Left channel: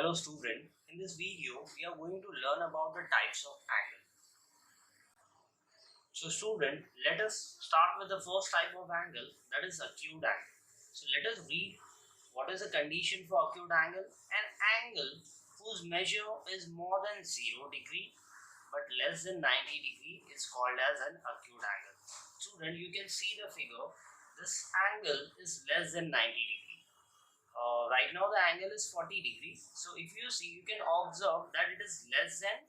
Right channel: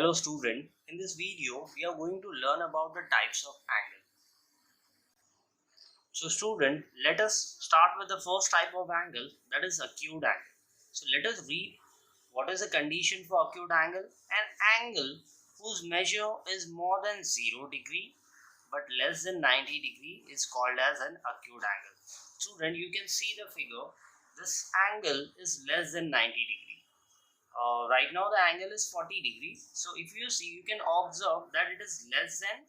Hello student, in this video we are going to learn about the types of angle. So student, let us start with the first type of angle, that is acute angle. So let us read what is the condition for acute angle. An angle whose measure is more than 0 degree but less than 90 degree is called as an acute angle. Student, you can see the figure, this angle is less than 90 degree. Right now the angle is 40 degree. So if you see, you can observe that it is less than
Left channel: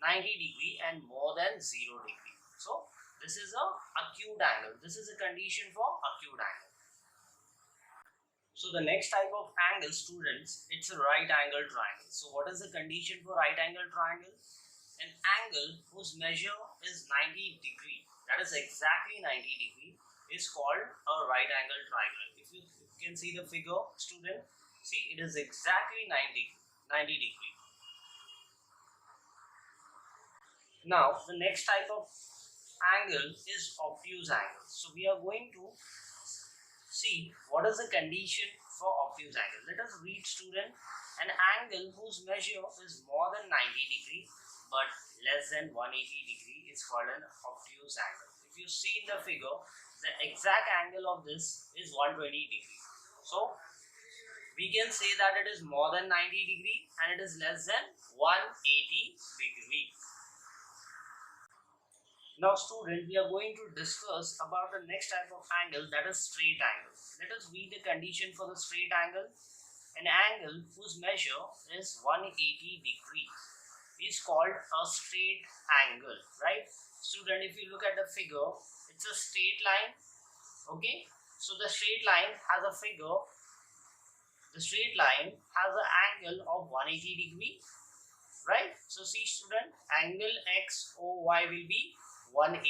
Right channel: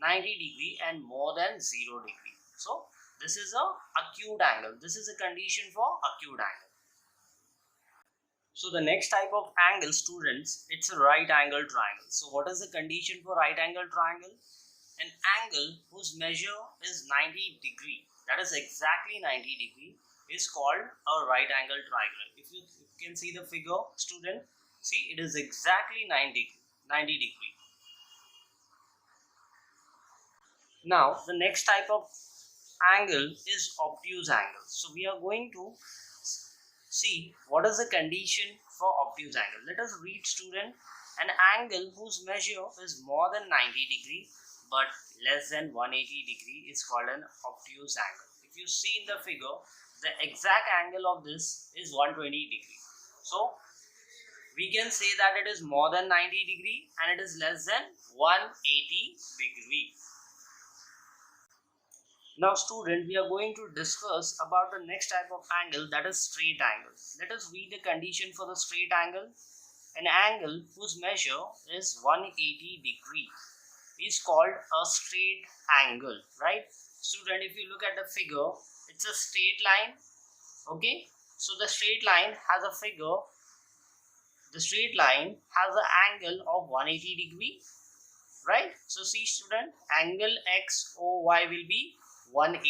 90 degree and more than 0 degree. So this is a acute angle. This is a condition for acute angle. So the next type of angle, students, it's a right angle triangle. So what is the condition for right angle triangle? An angle whose measure is 90 degree, that is exactly 90 degree, is called a right angle triangle. If you can see the figure, student, see, it is exactly 90 degree. Now the next type of angle is obtuse angle. So we are going to see what is the condition for obtuse angle. Let us read, student. An angle whose measure is more than 90 degree but less than 180 degree is called an obtuse angle. If you see in the figure, the exact angle of this is 120 degree. So we can say that it is more than 90 degree and it is less than 180 degree. Now student, we are going to discuss about the next type of angle, that is straight angle. Let us read the condition for the straight angle. An angle whose measure is 180 degree is called a straight angle, right? Student, if you look at the figure, it's a straight line. Okay, so the straight line has a figure. The straight line has an angle of 180 degree, right? So see student, angle XOY will be 180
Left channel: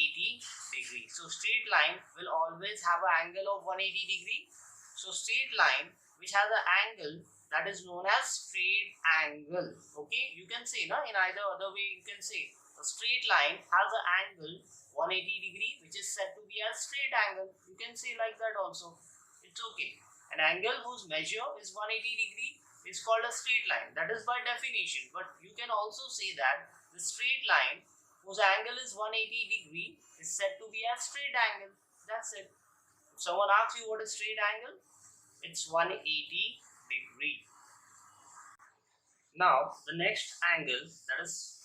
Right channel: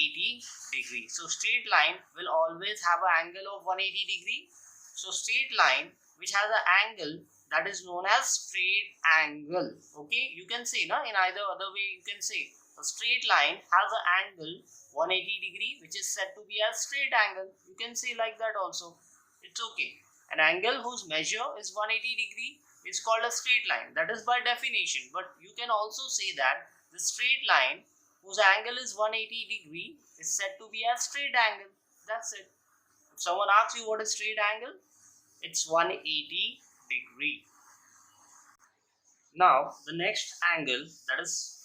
degree. So straight line will always have an angle of 180 degree. So straight line which has an angle, that is known as straight angle. Okay, you can say, no, in either other way you can say a straight line has an angle 180 degree which is said to be a straight angle. You can say like that also, it's okay. An angle whose measure is 180 degree is called a straight line. That is by definition. But you can also say that the straight line whose angle is 180 degree is said to be a straight angle. That's it. If someone asks you what is straight angle, it's 180 degree. Now the next angle, that is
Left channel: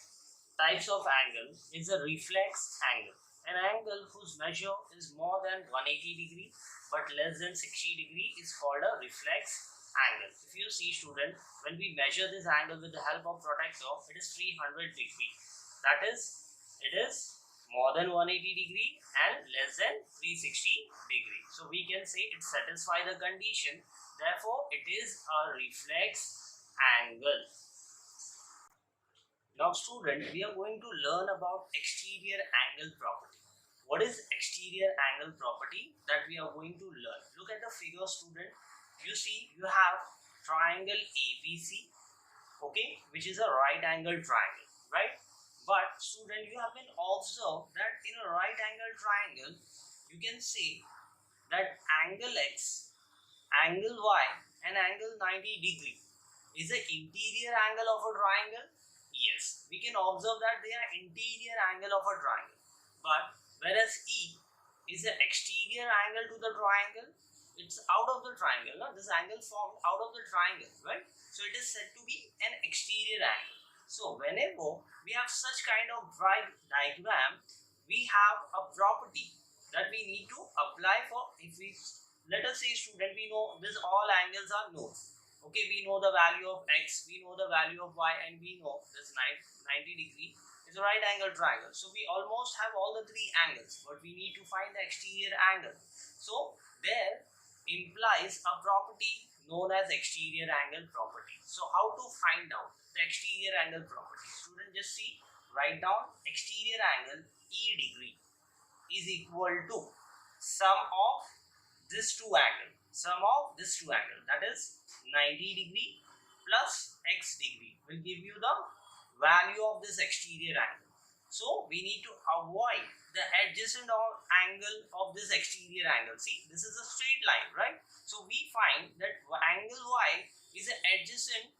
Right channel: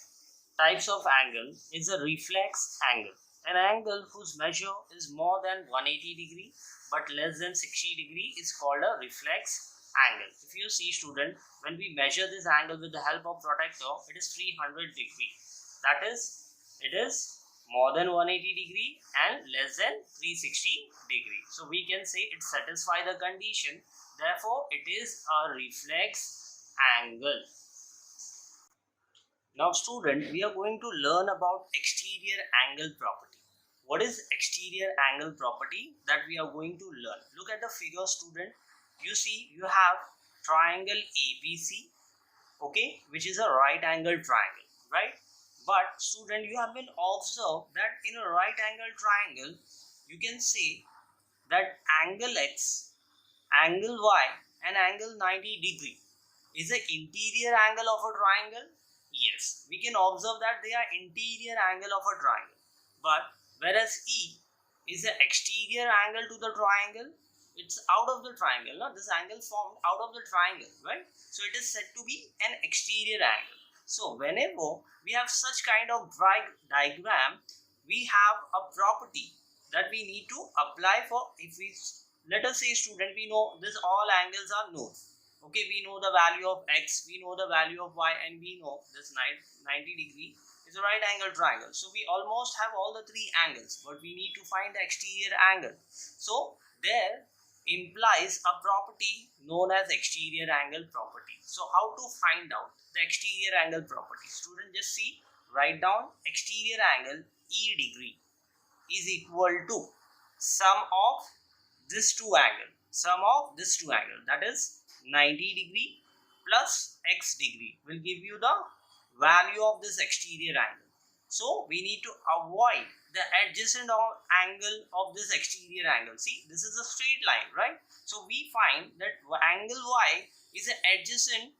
types of angle, is a reflex angle. An angle whose measure is more than 180 degree but less than 60 degree is called a reflex angle. If you see student, when we measure this angle with the help of protractor, it is 300 degree. That is, it is more than 180 degree and less than 360 degree. So we can say it satisfies the condition. Therefore, it is a reflex angle. Now student, we are going to learn about exterior angle property. What is exterior angle property that we are going to learn? Look at the figure, student. You see, you have triangle ABC, okay, which is a right angle triangle, right? But student, you have been observed that in a right angle triangle, you can say that angle X, angle Y and angle 90 degree is the interior angle of a triangle. Yes, we can observe that they are interior angle of a triangle. But whereas E is the exterior angle to the triangle, it's out of the triangle. No? This angle formed out of the triangle, right? So it is said to be an exterior angle. So whenever we have such kind of diagram, we have a property that we need to apply for. If we, let us say student, we know this all angles are known. Okay, we know the value of X, we know the value of Y, and we know this 90 degree is a right angle triangle. So we almost have all the three angles, but we need to find the exterior angle. So there implies a property known as exterior angle property. So how to find out the exterior angle property? Student, just see, write down exterior angle E degree is equal to sum of this two angle. Sum of this two angle, that is 90 degree plus X degree will give you the value of this exterior angle. So we need to avoid the adjacent angle of this exterior angle. See, this is a straight line, right? So we find that angle Y is adjacent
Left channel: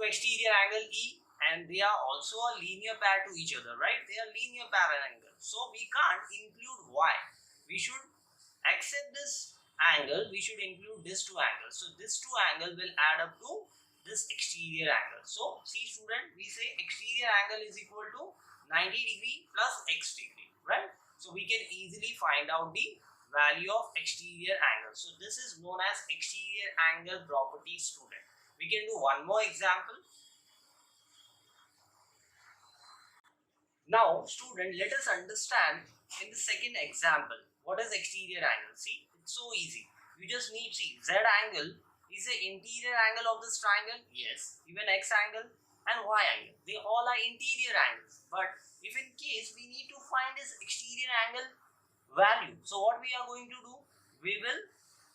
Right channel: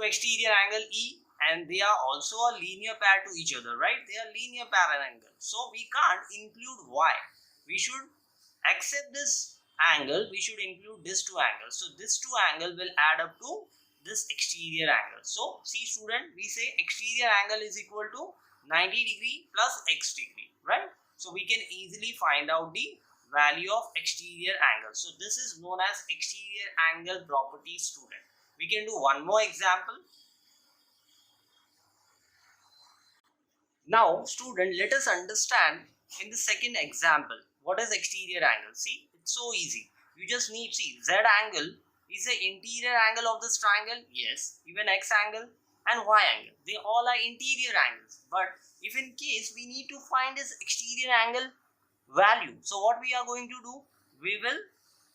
to exterior angle E, and they are also a linear pair to each other, right? They are linear parallel. So we can't include Y. We should accept this angle, we should include these two angles. So this two angle will add up to this exterior angle. So see student, we say exterior angle is equal to 90 degree plus x degree, right? So we can easily find out the value of exterior angle. So this is known as exterior angle property, student. We can do one more example. Now student, let us understand in the second example what is exterior angle. See, it's so easy. You just need, see, Z angle is the interior angle of this triangle. Yes, even X angle and Y angle, they all are interior angles. But if in case we need to find this exterior angle value, so what we are going to do, we will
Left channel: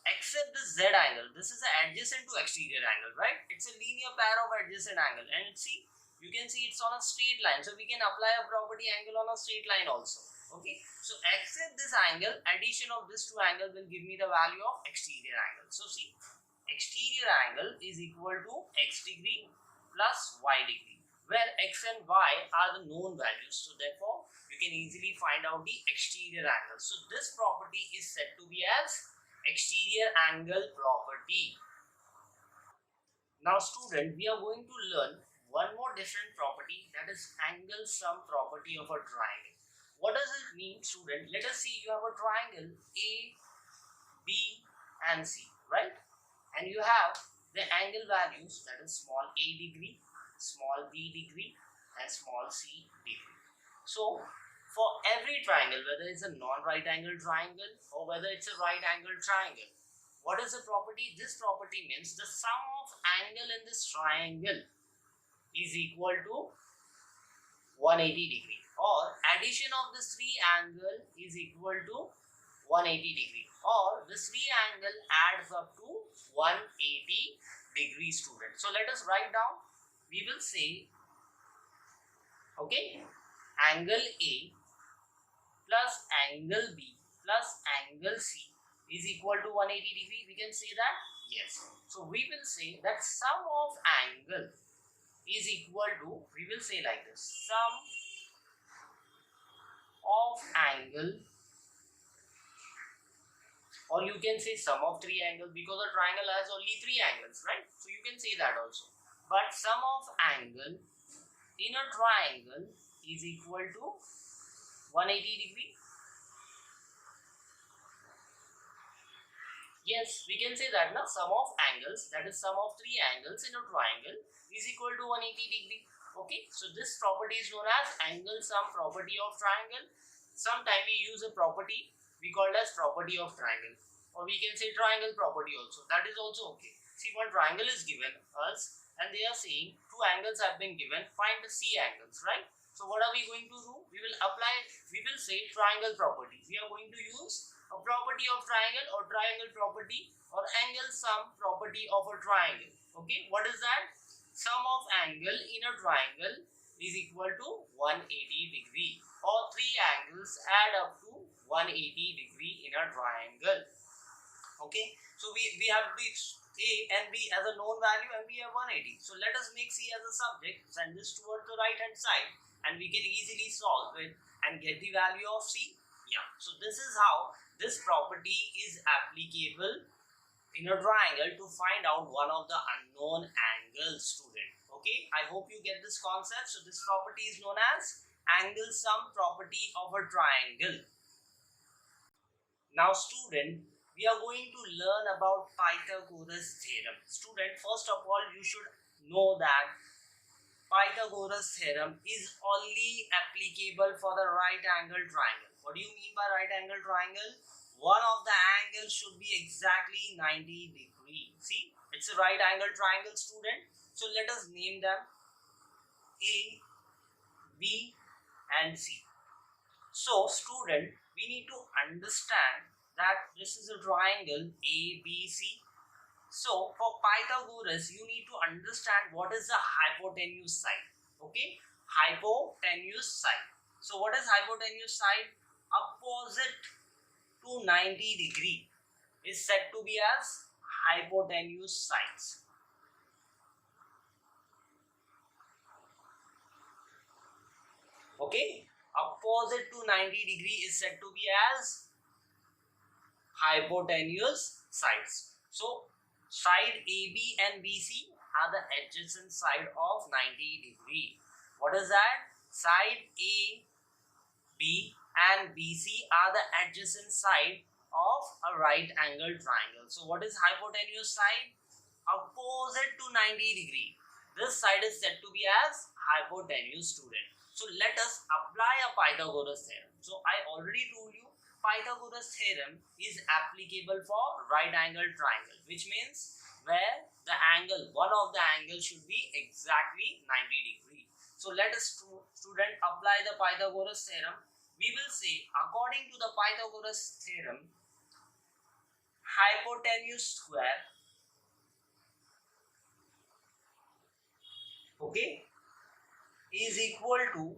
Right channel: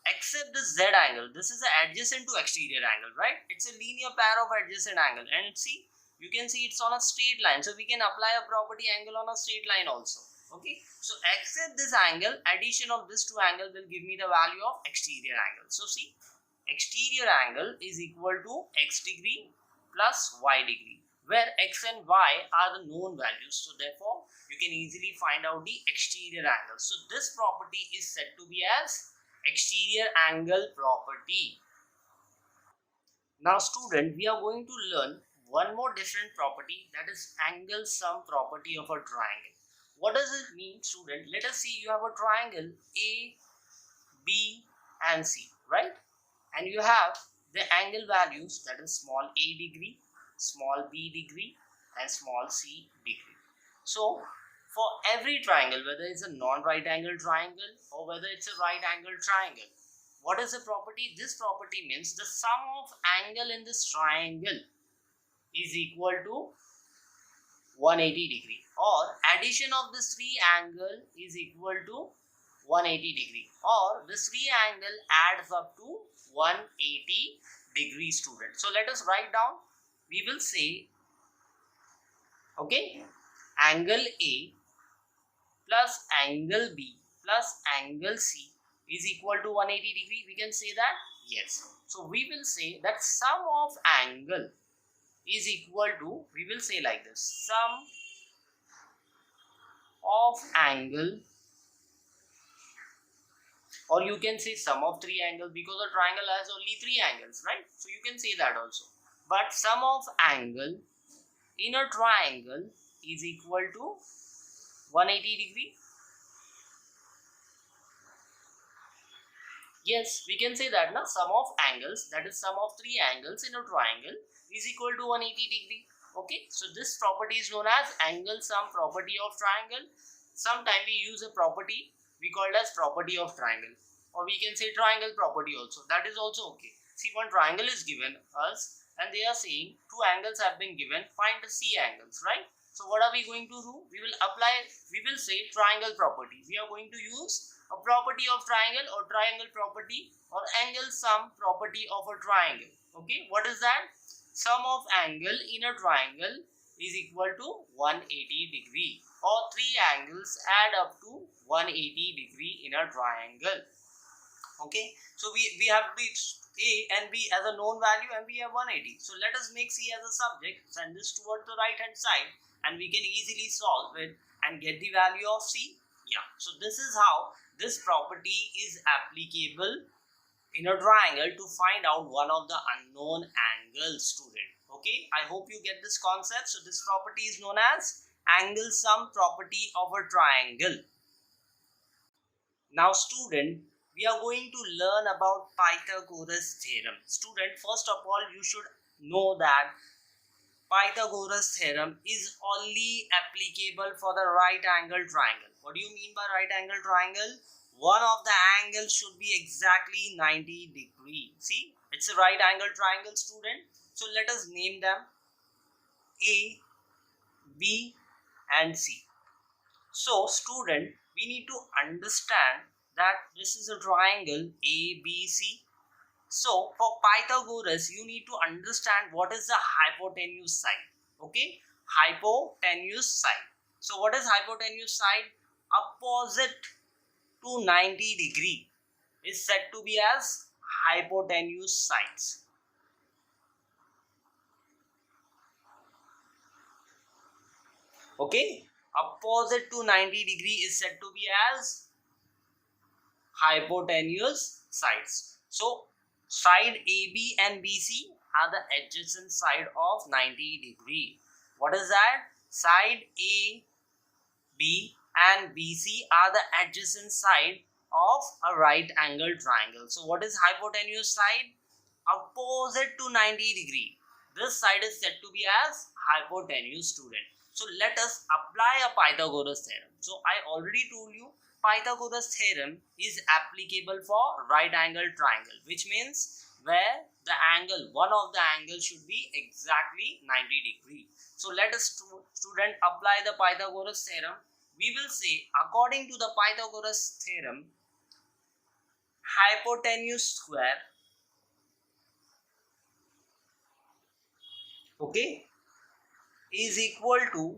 accept this Z angle. This is adjacent to exterior angle, right? It's a linear pair of adjacent angle, and see, you can see it's on a straight line, so we can apply a property angle on a straight line also. Okay, so accept this angle, addition of this two angle will give me the value of exterior angle. So see, exterior angle is equal to x degree plus y degree, where x and y are the known values. So therefore, you can easily find out the exterior angle. So this property is said to be as exterior angle property. Now student, we are going to learn one more different property, that is angle sum property of a triangle. What does it mean, student? Let us see, you have a triangle A, B and C, right? And you have the angle values, that is small a degree, small b degree and small c degree. So for every triangle, whether it's a non-right angle triangle or whether it's a right angle triangle, what is the property? This property means the sum of angle in this triangle is equal to 180 degree, or addition of this three angle is equal to 180 degree, or this three angle adds up to 180 degree, student. So let us write down. We will say, okay, angle A plus angle B plus angle C is equal to 180 degree. We can say that? Yes. So we will say that sum of angle is equal to, we will say like this, sum of angle, or you can say sum of three angles, because a triangle has only three angles, right? So you can say that also. But sum of angle in a triangle is equal to 180 degree. Yes, we can say that now, sum of angles, that is sum of three angles in a triangle, is equal to 180 degree. Okay, so this property is known as angle sum property of triangle. Sometimes we use a property we call as property of triangle, or we can say triangle property also. That is also okay. See, one triangle is given us and they are saying two angles have been given, find the C angles, right? So what are we going to do? We will apply, we will say triangle property. We are going to use a property of triangle or triangle property or angle sum property of a triangle. Okay, what is that? Sum of angle in a triangle is equal to 180 degree, or three angles add up to 180 degree in a triangle. Okay, so we have this A and B as a known value and we have 180. So let us make C as a subject, send this towards the right hand side and we can easily solve it and get the value of C. Yeah, so this is how this property is applicable in a triangle to find out one of the unknown angles, student. Okay, I hope you get this concept. So this property is known as angle sum property of a triangle. Now student, we are going to learn about Pythagoras theorem. Student, first of all, you should know that Pythagoras theorem is only applicable for the right angle triangle. What do you mean by right angle triangle? One of the angles should be exactly 90 degree. See, it's a right angle triangle, student. So let us name them A, B and C. So student, we need to understand that this is a triangle ABC. So for Pythagoras, you need to understand what is the hypotenuse side. Okay, hypotenuse side. So what is hypotenuse side? Opposite to 90 degree is said to be as hypotenuse sides. Okay, opposite to 90 degree is said to be as hypotenuse sides. So side AB and BC are the adjacent side of 90 degree. What is that? Side A, B and BC are the adjacent side of a right angle triangle. So what is hypotenuse side? Opposite to 90 degree. This side is said to be as hypotenuse, student. So let us apply a Pythagoras theorem. So I already told you Pythagoras theorem is applicable for right angle triangle, which means where the angle, one of the angles should be exactly 90 degree. So let us student apply the Pythagoras theorem. We will say according to the Pythagoras theorem, hypotenuse square, okay, is equal to,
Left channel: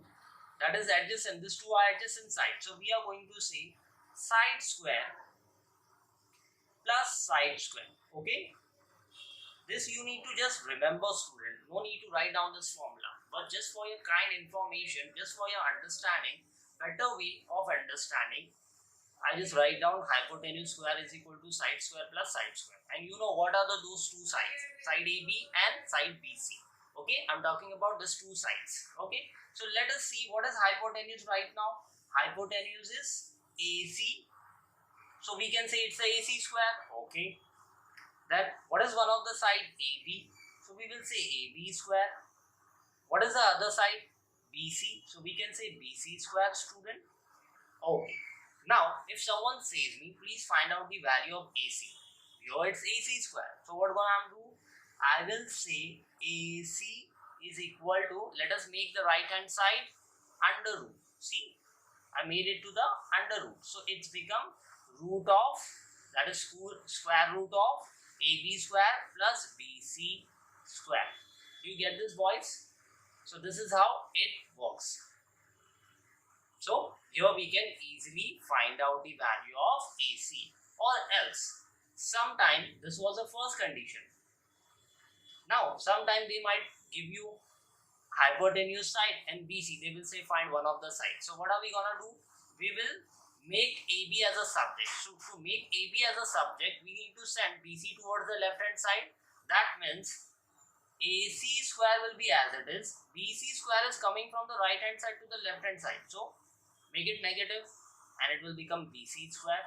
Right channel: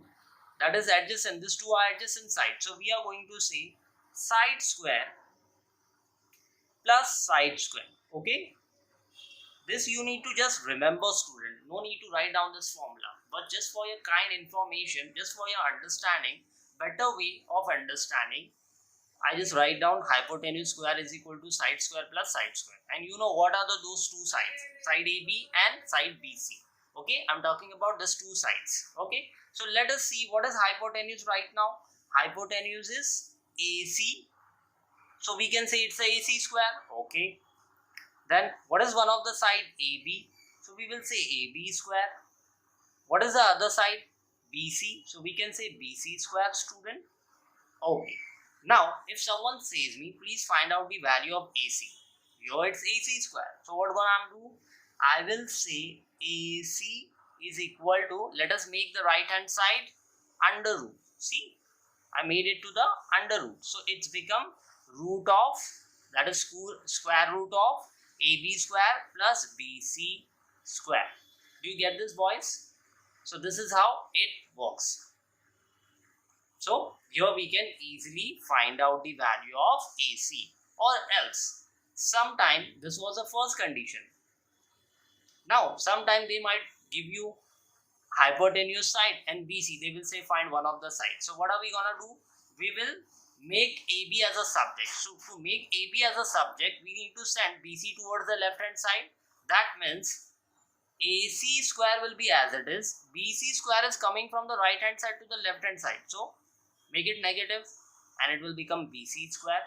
that is adjacent, these two are adjacent sides. So we are going to say side square plus side square. Okay, this you need to just remember, student. No need to write down this formula, but just for your kind information, just for your understanding, better way of understanding, I just write down hypotenuse square is equal to side square plus side square. And you know what are those two sides? Side AB and side BC. Okay, I'm talking about these two sides. Okay, so let us see what is hypotenuse right now. Hypotenuse is AC. So we can say it's a AC square. Okay. Then what is one of the side? AB. So we will say AB square. What is the other side? BC. So we can say BC square, student. Okay. Now if someone says me, please find out the value of AC. Here it's AC square. So what gonna do? I will say AC is equal to, let us make the right hand side under root. See, I made it to the under root. So it's become root of, that is square root of AB square plus BC square. Do you get this, boys? So this is how it works. So here we can easily find out the value of AC, or else sometime this was the first condition. Now sometime they might give you hypotenuse side and BC, they will say find one of the sides. So what are we gonna do? We will make AB as a subject. So to make AB as a subject, we need to send BC towards the left hand side. That means AC square will be as it is. BC square is coming from the right hand side to the left hand side. So make it negative and it will become BC square.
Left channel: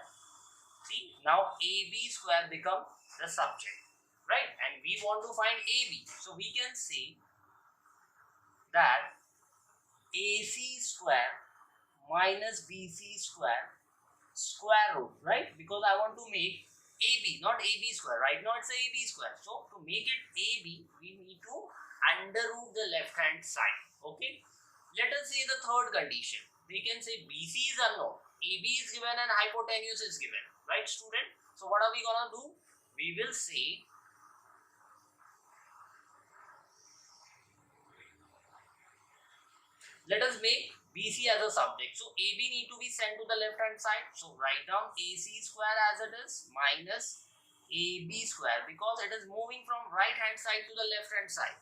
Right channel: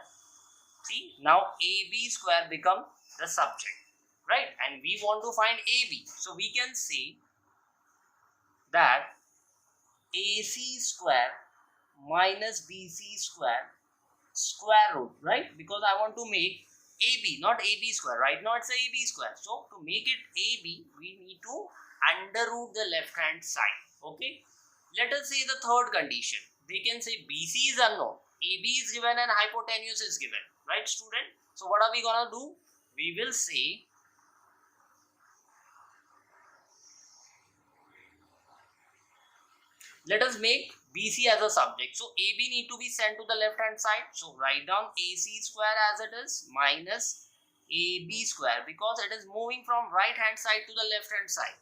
See, now AB square become the subject, right? And we want to find AB. So we can say that AC square minus BC square root, right? Because I want to make AB, not AB square. Right now it's a AB square. So to make it AB, we need to under root the left hand side. Okay. Let us say the third condition. They can say BC is unknown, AB is given and hypotenuse is given. Right, student? So what are we gonna do? We will say let us make BC as a subject. So AB need to be sent to the left hand side. So write down AC square as it is minus AB square, because it is moving from right hand side to the left hand side.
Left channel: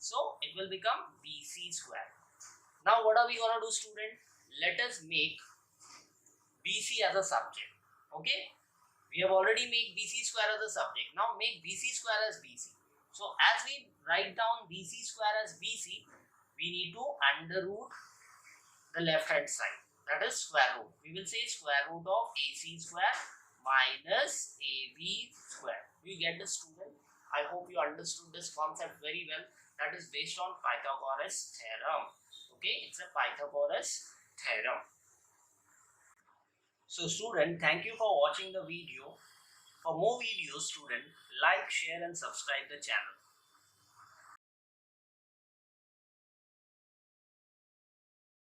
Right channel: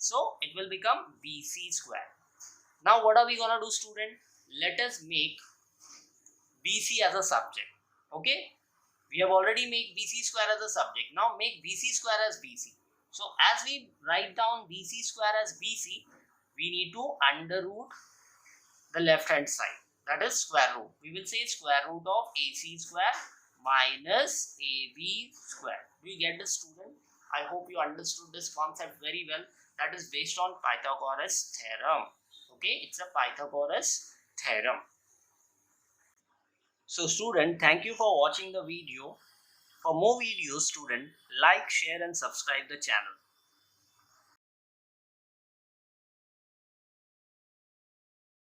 So it will become BC square. Now what are we gonna do, student? Let us make BC as a subject. Okay, we have already made BC square as a subject. Now make BC square as BC. So as we write down BC square as BC, we need to under root the left hand side, that is square root. We will say square root of AC square minus AB square. Do you get this, student? I hope you understood this concept very well. That is based on Pythagoras theorem. Okay, it's a Pythagoras theorem. So student, thank you for watching the video. For more videos, student, like, share and subscribe the channel.